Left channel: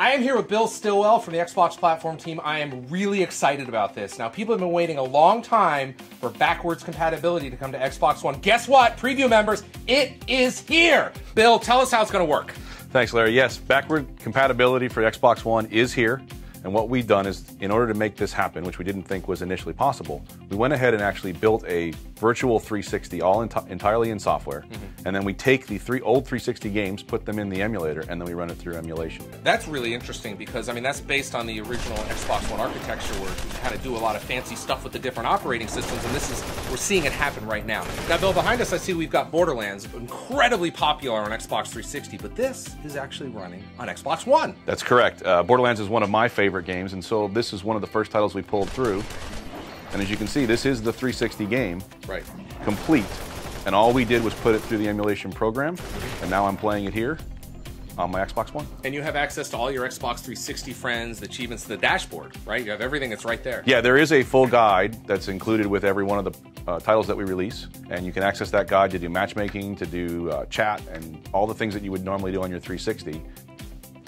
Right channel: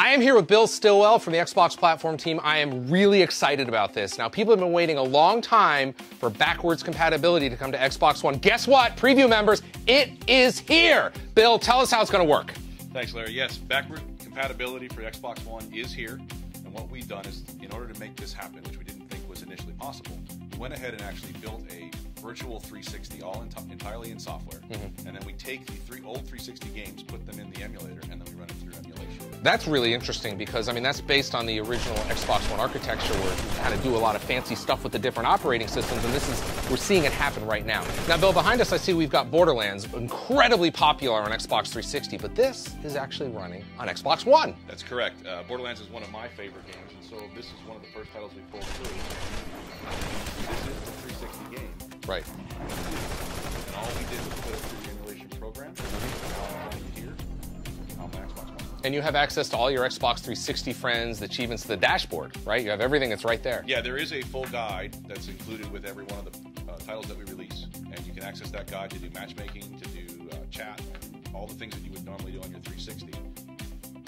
I am here with Bill Stillwell from the Xbox platform team. I am really excited about this. Now, people have been waiting a long time for backwards compatibility to come to Xbox One. Guess what, preview members? It is here. Bill, tell us how it's going to work. Thanks, Larry. Yes, backward compatibility for Xbox One is here. And what we've done is, in order to make this happen, which we didn't think was initially possible, we went ahead and actually built a virtual 360 all entirely in software. And then we take the old 360 games, put them in the emulator, and then we run it through emulation. That's really interesting because, I mean, that's based on the original Xbox One architecture where you had to do a lot of fancy stuff with the different operating systems, and we're seeing it happen right now. Now, Bill, behind us I see we've got Borderlands, incredibly popular on Xbox 360, but this is actually running on Xbox One. That's correct. Borderlands is one of my favorite games, and so this is one of the first titles we pulled through. And as you can see, this is the 360 game, right, complete. And all we did was put it through the emulation program, and now I'm playing it here on my Xbox One. And you have access to all your Xbox 360 friends, the achievements, the dashboard, right? You have everything that's right there. Yeah, there is a full guide that's included with every one of the titles that we release, and you can access that guide to do matchmaking, to do chat, and all the things that you would normally do on your 360.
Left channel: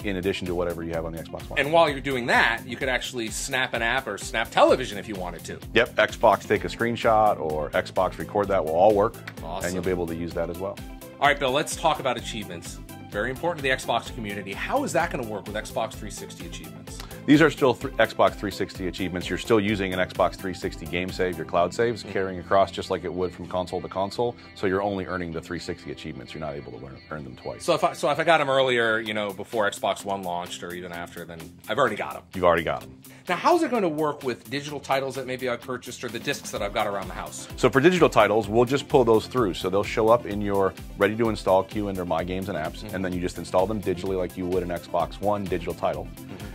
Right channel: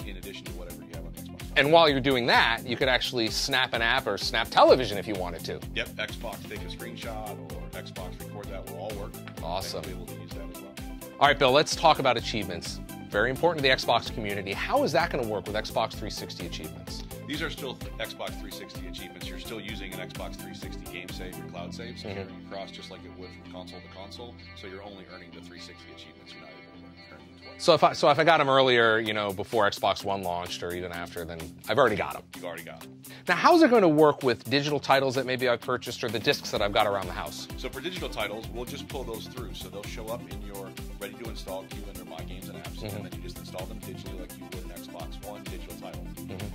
In addition to whatever you have on the Xbox One. And while you're doing that, you could actually snap an app or snap television if you wanted to. Yep, Xbox take a screenshot or Xbox record that will all work. Awesome. And you'll be able to use that as well. All right, Bill, let's talk about achievements. Very important to the Xbox community. How is that going to work with Xbox 360 achievements? These are still Xbox 360 achievements. You're still using an Xbox 360 game save, your cloud saves, carrying across just like it would from console to console. So you're only earning the 360 achievements. You're not able to earn them twice. So if I got them earlier, you know, before Xbox One launched or even after, then I've already got them. You've already got them. Now, how's it going to work with digital titles that maybe I purchased or the discs that I've got around the house? So for digital titles, we'll just pull those through. So they'll show up in your ready-to-install queue under My Games and Apps, and then you just install them digitally like you would an Xbox One digital title.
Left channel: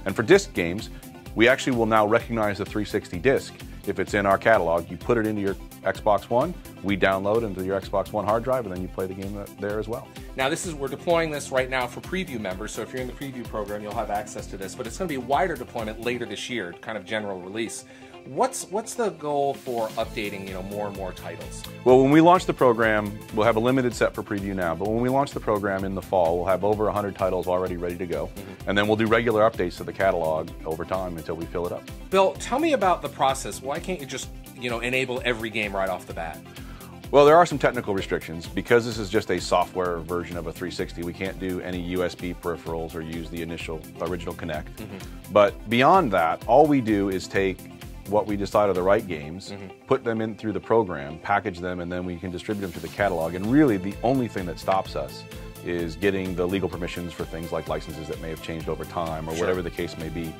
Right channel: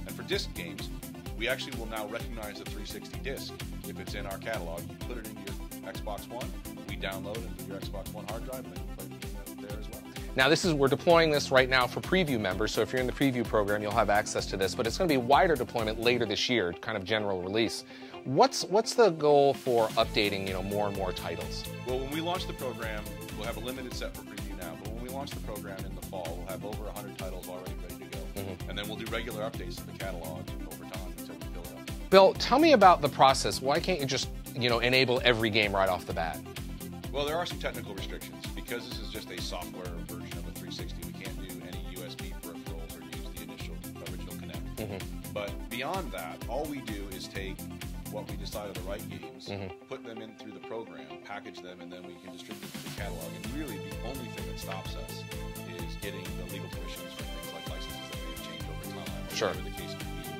And for disc games, we actually will now recognize the 360 disc. If it's in our catalog, you put it into your Xbox One, we download into your Xbox One hard drive, and then you play the game there as well. Now, we're deploying this right now for preview members, so if you're in the preview program, you'll have access to this, but it's going to be a wider deployment later this year, kind of general release. What's the goal for updating, more and more titles? Well, when we launch the program, we'll have a limited set for preview now, but when we launch the program in the fall, we'll have over 100 titles already ready to go. And then we'll do regular updates to the catalog over time until we fill it up. Bill, tell me about the process. Why can't you just, enable every game right off the bat? Well, there are some technical restrictions. Because this is just a software version of a 360, we can't do any USB peripherals or use the original Kinect. But beyond that, all we do is take what we decide are the right games, put them in through the program, package them, and then we can distribute them to the catalog. And really, the only thing that stops us is getting the legal permissions for things like licenses that may have changed over time or whatever the case may be.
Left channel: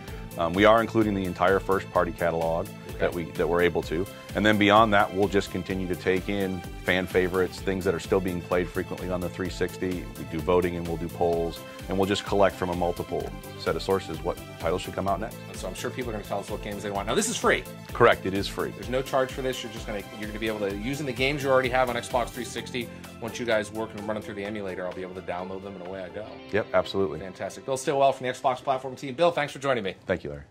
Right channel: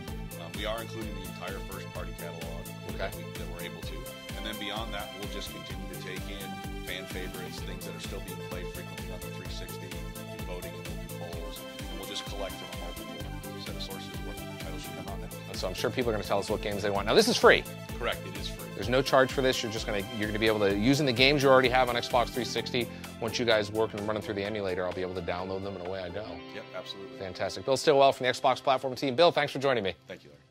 We are including the entire first-party catalog that we're able to. And then beyond that, we'll just continue to take in fan favorites, things that are still being played frequently on the 360. We do voting and we'll do polls, and we'll just collect from a multiple set of sources what titles should come out next. So I'm sure people are going to tell us what games they want. Now, this is free. Correct, it is free. There's no charge for this. You're going to be able to, using the games you already have on Xbox 360, once you guys work and run them through the emulator, I'll be able to download them and away I go. Yep, absolutely. Fantastic. Bill Stillwell from the Xbox platform team. Bill, thanks for joining me. Thank you, Larry.